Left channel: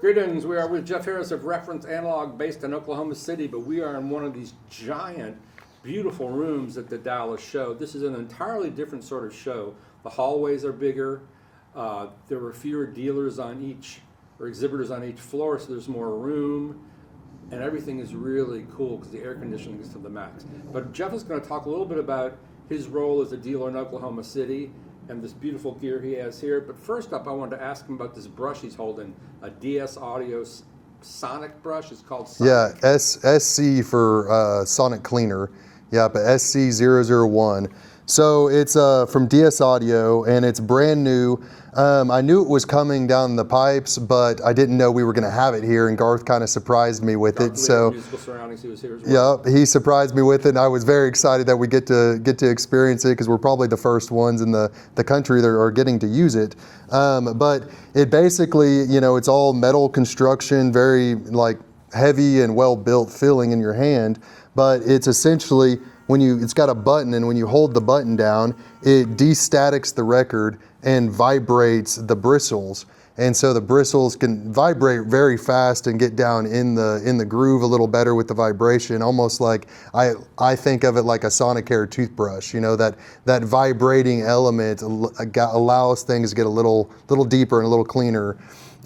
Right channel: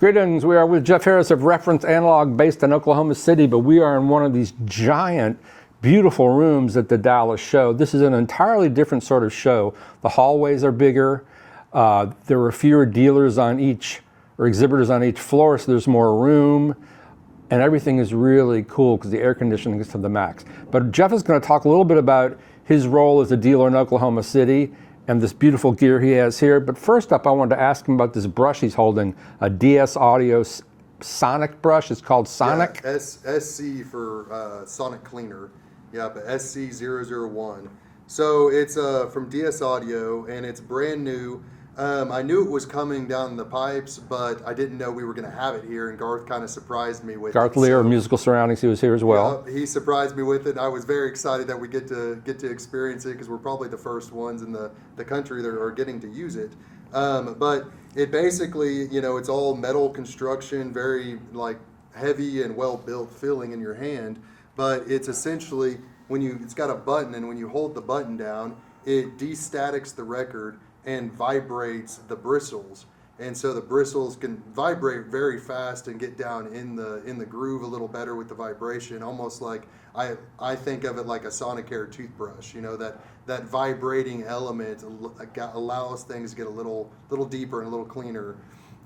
Greetings, we are with Jeff Harris of Reference Analog based in Oklahoma City, but we are in one of these giant, beautiful rooms at the Dallas show. This is an entirely different sort of show. The hallways are bigger, there are fewer dealers on each, or exhibitors on each floor, so there's more room, and everything is really cool because the air conditioning is to the max. But Jeff is going to talk a little bit about his role as a dealer in Oklahoma City and this beautiful gear he has here. But first up, I wanted to ask him about this brush he's holding, a DS Audio Sonic brush. It's called Sonic. Yeah, SC for Sonic Cleaner. Yeah, but SC001. So it's from DS Audio, and it's brand new. I knew it was coming down the pipes, but I didn't know we were going to have it here, and Garth kind of surprised me with Garth it. Leerer, Musical Surroundings, he was here as well. Yeah, he surprised me with it, and I was very excited that we get to experience it because we're probably the first ones in the country that are getting to use it. But it basically, you know, it's all metal construction, very like heavy and well built feeling in your hand, but it's essentially it's got a button, and when you hold the button down, it destatics the record and vibrates the bristles, and so the bristles can vibrate very fast and get down in the groove a little better with the vibration, almost like I think of it like a Sonicare toothbrush. You know, that vibrating element allows things to get a little deeper and a little cleaner.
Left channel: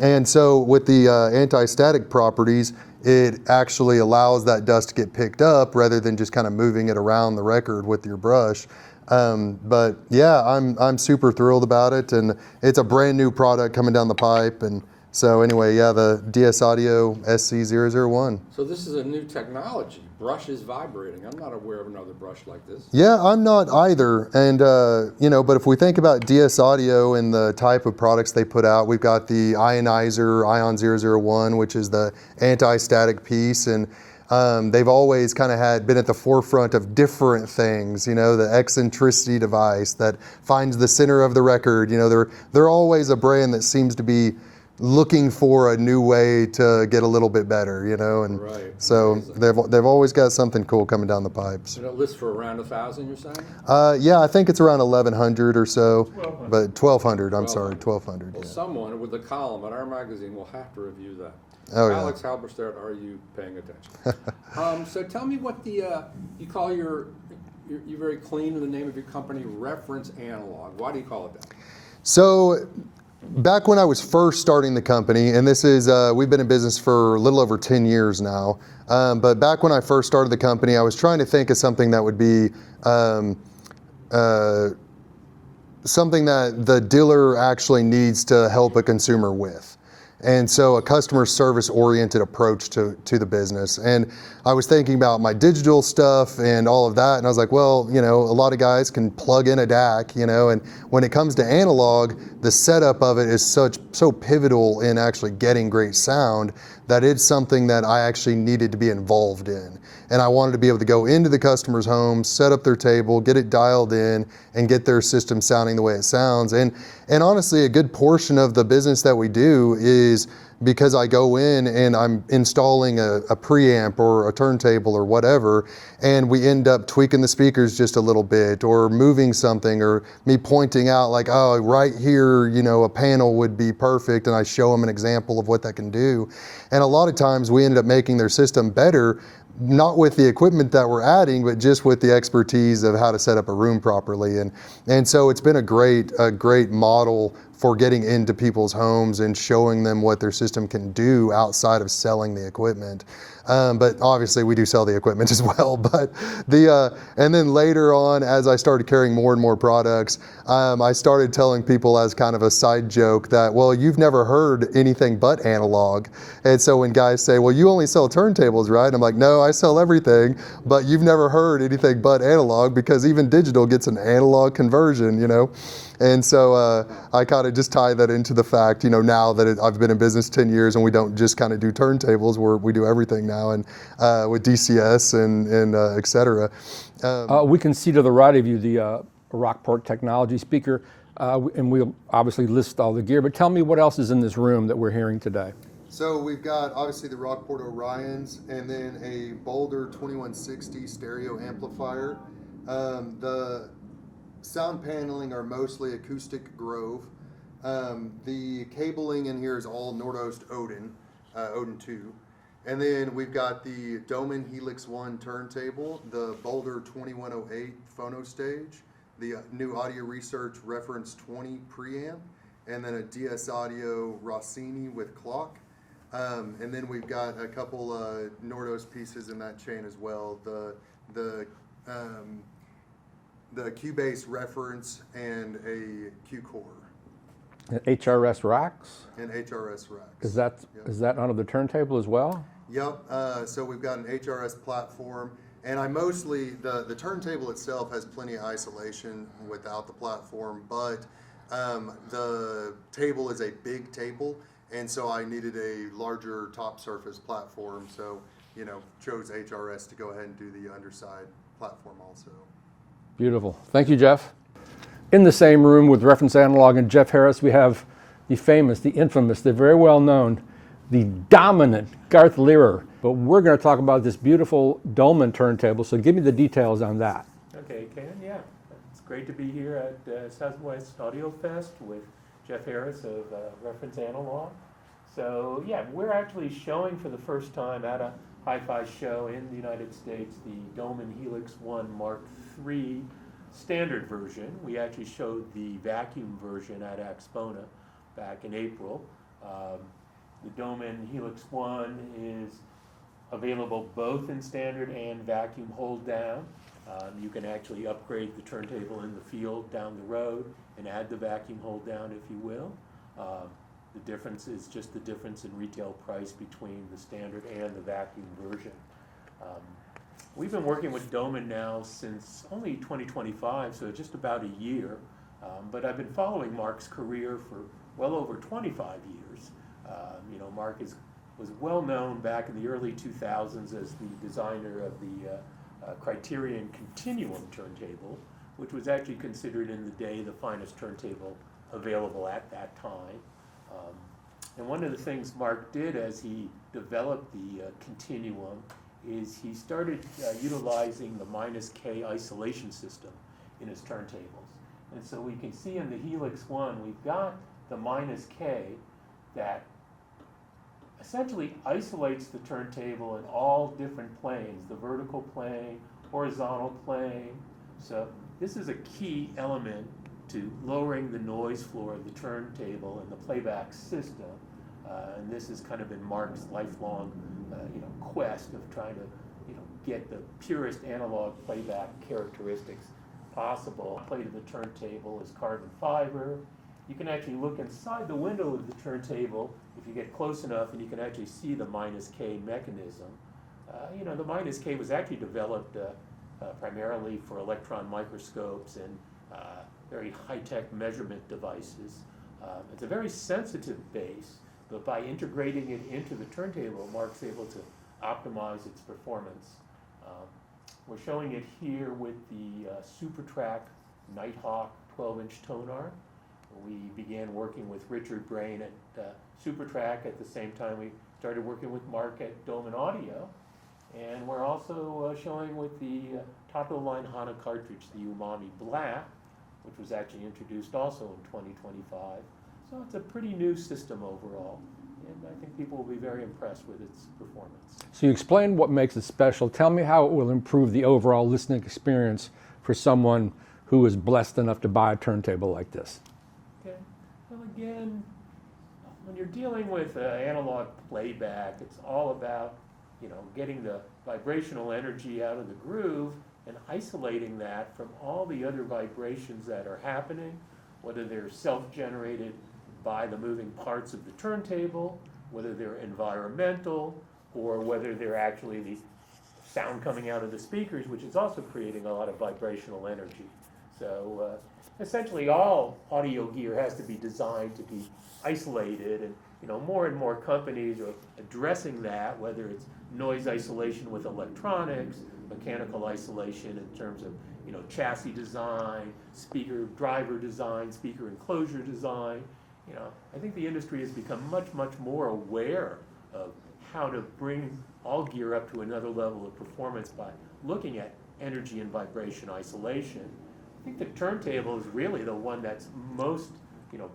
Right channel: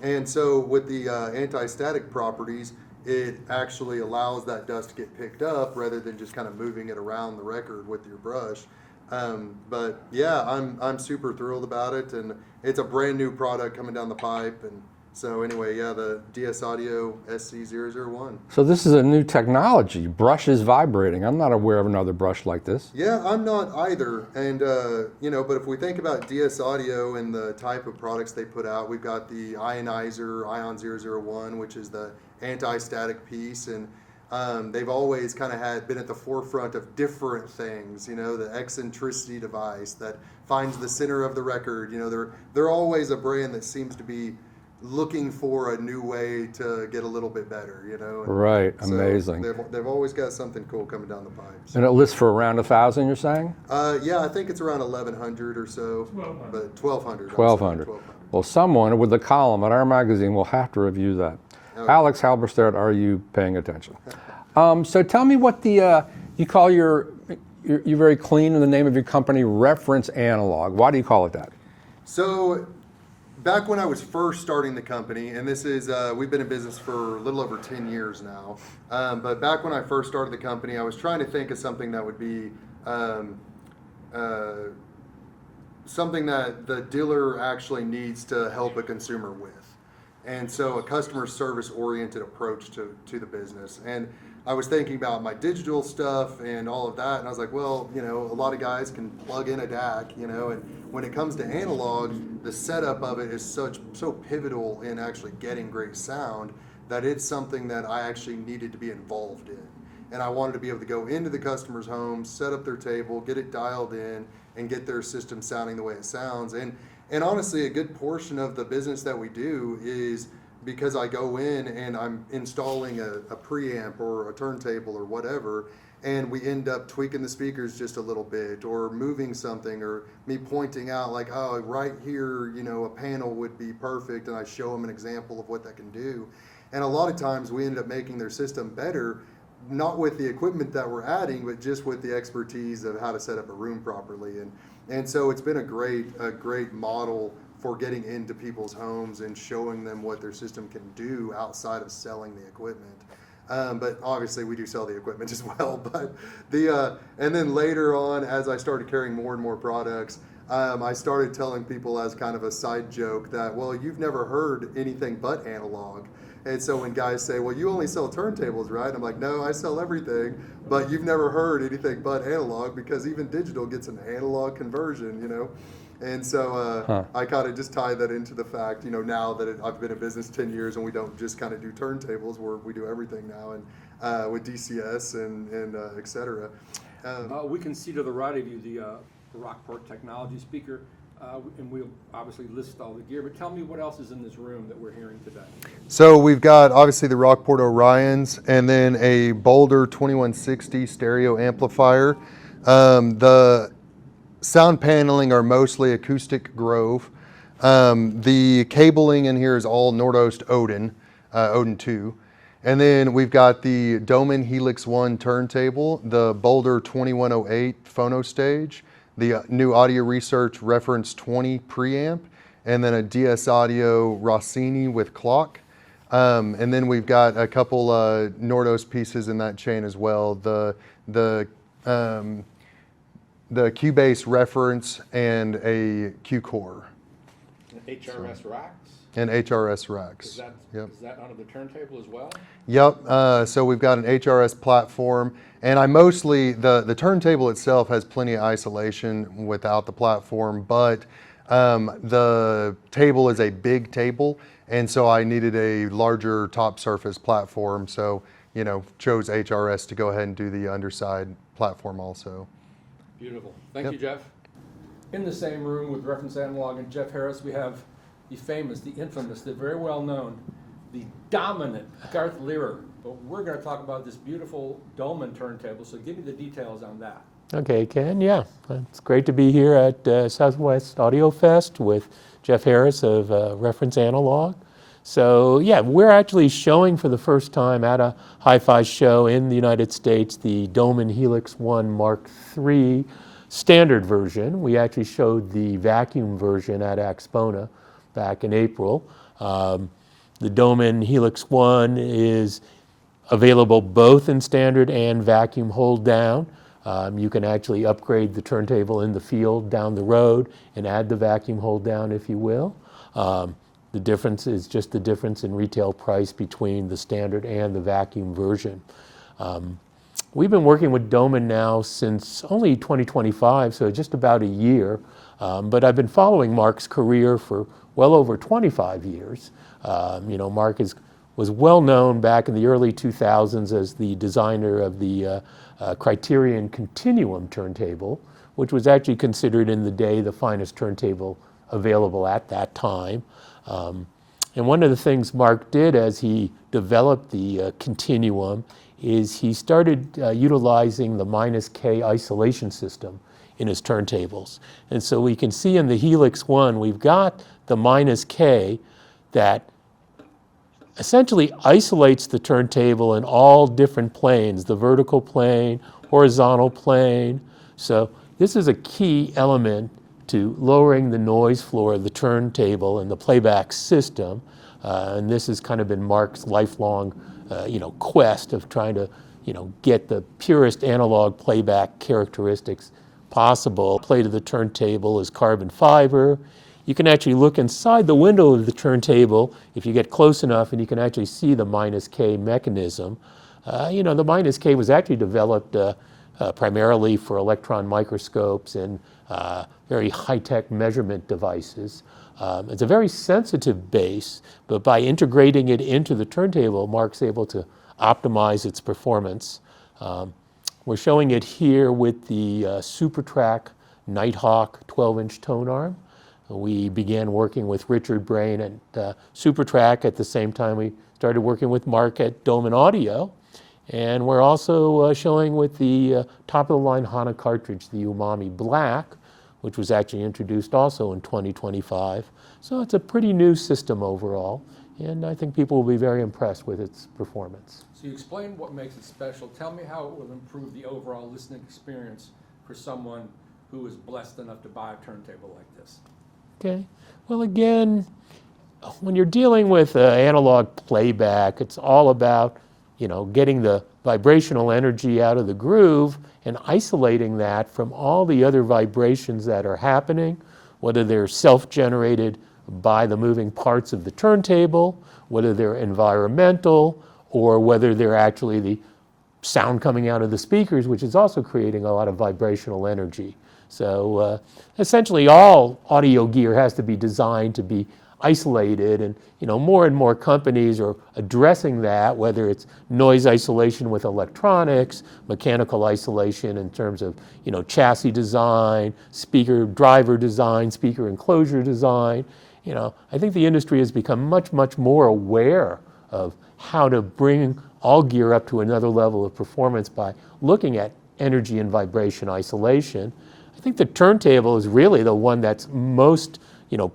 And so with the anti-static properties, it actually allows that dust to get picked up rather than just kind of moving it around the record with your brush. But yeah, I'm super thrilled about it, and it's a brand new product coming down the pipe. And so anyway, yeah, the DS Audio SC001. So this is a new technology, brushes vibrating. I'm not aware of another brush like this. Yeah, I'm not either. And you know, but if we think about DS Audio and the type of products they put out, we've got the Ionizer Ion 001, which is the anti-static piece, and they've always kind of been at the forefront of different things, you know, the eccentricity device that finds the center of the record. You know, they're always a brand that seems to be looking for a new way to get a little bit better, you know. And right, so amazing. They've always got something cool coming down the pipes. And it lists for around 1,000, you're saying? Yeah, I think it's around 1,100 or so, 1,200. but 1,200. I'm sorry, 1,200. Well, someone with a column at our magazine will have to review that. Oh, Alex Halberstadt, are you paying attention? So tell me what the you call you're very clean in the name of your company, Reference Analog. Why do you call it that? So back when I was first starting the company, and this is we've been in business for a little over 10 years now, but back when I first started the company, I was trying to think of something that would be something that the dealer actually needs to help a consumer with. And so a customer service oriented approach to the business. And I was thinking about my digital stuff and all of that. And I was like, well, you know, a lot of guys can plug in a DAC, you know, and when it comes to analog, the setup of it is so pivotal in actually getting great sound that it's something that I actually needed to be involved in. And I wanted to be able to go into the customer's home, set up their table, get it dialed in, and get their system sounding the way it sounds. And honestly, a good portion of the business that we do is because I go in and I'm installing a preamp or a turntable or whatever, and we end up tweaking the speakers just a little bit or moving something, or me pointing out like, oh, right here, you know, a panel would be perfect, and I show them an example of what that can do. And a lot of times we ended up making their system better, not with the equipment that we're adding, but just with the expertise of how to set up a room properly. And so it's been a great model for getting into people's homes and showing them what their system can do outside of selling the equipment. But obviously we do sell the equipment as well. But and then later on, as I started carrying more and more products, I started telling people as kind of a side joke that, well, you've never heard anything but analog. And so when guys say, well, you only sell turntables, right? I'm like, no, I sell everything, but you've never heard anything but analog, because even digital gets an analog conversion, you know? And so I kind of just tie that into the fact, you know, now that I've been in business 10 years and we don't just kind of do turntables, we do everything now, and with DCS and et cetera. We can see to the right of you the Rockport technology speaker, and we'll obviously list all the gear, but tell me what else is in this room that we're hearing today. So we've got obviously the Rockport Orions, and then a Boulder 2160 stereo amplifier. The sound paneling are mostly acoustic Grove. The cabling in here is all Nordost Odin. Odin 2. And then we've got the Döhmann Helix One turntable, the Boulder 2108 phono stage, the new Audio Research Reference 20 preamp, and then a DS Audio Rossini with clock. And then we've got a couple Nordos pieces in that chain as well. The Cubase Reference and a Q-Core. HRS racks? And HRS racks. Is that under the turntable as well? Yep, so we've got an HRS platform, and I mostly, the turntable itself has plenty of isolation without the platform, but the table is a big table, and so I needed a larger top surface platform, so, you know, chose HRS to go ahead and do the underside platform also. Beautiful. Thank you, Jeff. In the same room with Reference Analog and Jeff Harris, we have the famous, the infamous, the very well known, the dominant Garth Leerer. But we're going to talk about this beautiful Dolman turntable, so give me the details on that. Okay, Ken, yeah. It's great to be here at SouthWest Audio Fest with Jeff Harris of Reference Analog. So yeah, we're actually showing for the first time at a hi-fi show in the United States the Dolman Helix One MK3 standard version. We actually showed the vacuum version at Axpona back in April. The Döhmann Helix One is available both in standard and vacuum hold down. You can actually upgrade the turntable in the field down the road and add the vacuum hold down if you will. The difference is just the difference in retail price between the standard and the vacuum version. We've been working with Döhmann now since only 2025, so just about a year. But I've been following Mark's career for well over 25 years. You know, Mark was well known back in the early 2000s as the designer of the Criterion Continuum turntable, which was actually considered in the day the finest turntable available at that time. And one of the things Mark did as he developed the Continuum is he started utilizing the -K isolation system in his turntables. And so we can see in the Helix One, we've got the -K that essentially isolates the turntable in all different planes, the vertical plane, horizontal plane. So this is a key element to lowering the noise floor of the turntable and the playback system. And this has kind of been Mark's lifelong quest of trying to get the purest analog playback characteristics possible. Plate of the turntable is carbon fiber. You can actually look inside the window of the turntable if you get close enough, and you can actually see the -K mechanism. The -K was actually developed primarily for electron microscopes and very high-tech measurement devices. It's a very sensitive base, but by integrating it into the turntable, Mark's able to optimize its performance. We're showing it here with the SuperTrack Nighthawk 12-inch tone arm. We began working with Richard Brain at SuperTrack at the same time we started working with Mark at Dolman Audio. And we're also showing with the top-of-the-line HANA cartridge, the Umami Black, which was actually introduced also in 2025. So it's a pretty new system overall, and I think people will be very impressed with its performance. So you explained what makes it special. Tell me how it will improve the overall listening experience for someone who is blessed enough to buy a turntable like this. Okay. Well, again, when you're dealing with analog playback, it's all about, getting the vibrational energy out of the groove and isolating that from all the other vibrations that are happening, whether they're self-generated by the moving parts of the turntable, whether they're environmental, or whether they're actually the sound coming out of the speakers, which is also creating a lot of vibrational energy. So essentially all audio gear has to be designed to be isolated, and more and more companies are addressing that, whether it's noise isolation with electronics, mechanical isolation in terms of chassis design, speaker driver design, speaker enclosure design. I think the industry has become much, much more aware of how to bring all gear up to another level of performance by looking at energy and vibration isolation. I think the turntable is really the one that's most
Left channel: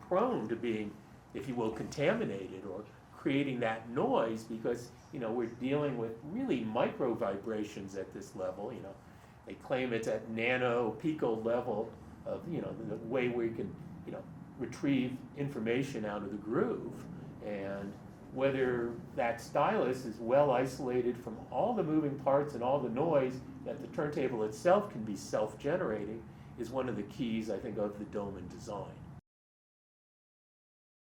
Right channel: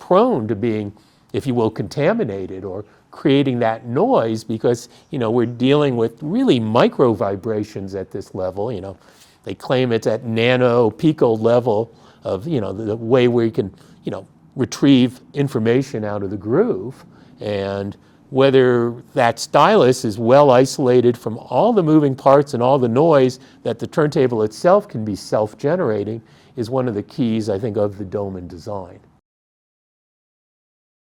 prone to being, if you will, contaminated or creating that noise, because we're dealing with really micro vibrations at this level. They claim it's at nano pico level of the way where you can retrieve information out of the groove, and whether that stylus is well isolated from all the moving parts and all the noise that the turntable itself can be self-generating is one of the keys, I think, of the Döhmann design.